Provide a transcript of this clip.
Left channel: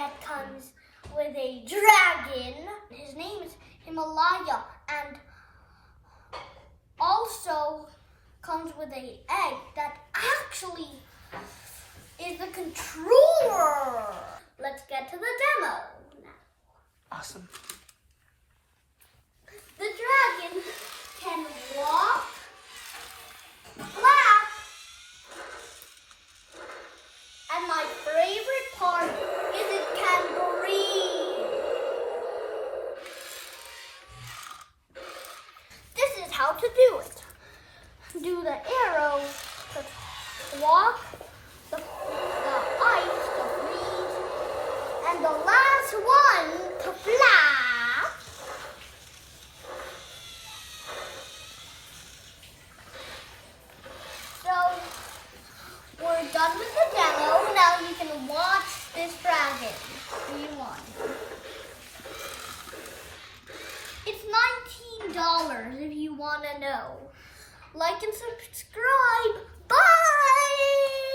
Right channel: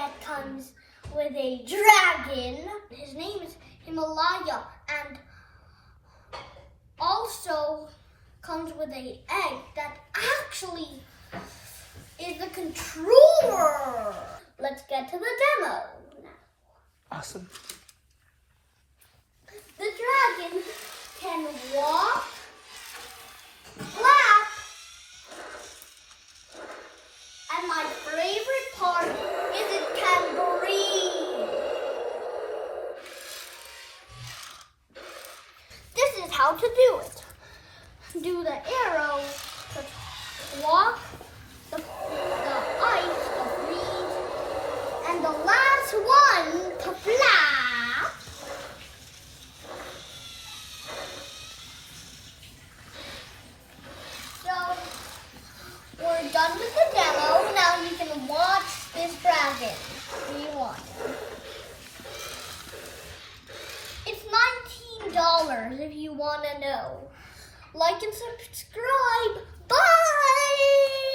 that comes with a dragon. His name is Himalaya, and also comes with an egg that actually is the controller. Let's get to the demo now. Awesome. The dragon can walk, flap, and my favorite part is it can breathe. This is how to do it. Do the arrow to walk, the ice to freeze, and the last one to flap. So we're done with the demo. Now you can watch this dragon. Do you want it? It's $19 if you want to know. Like and subscribe. Bye!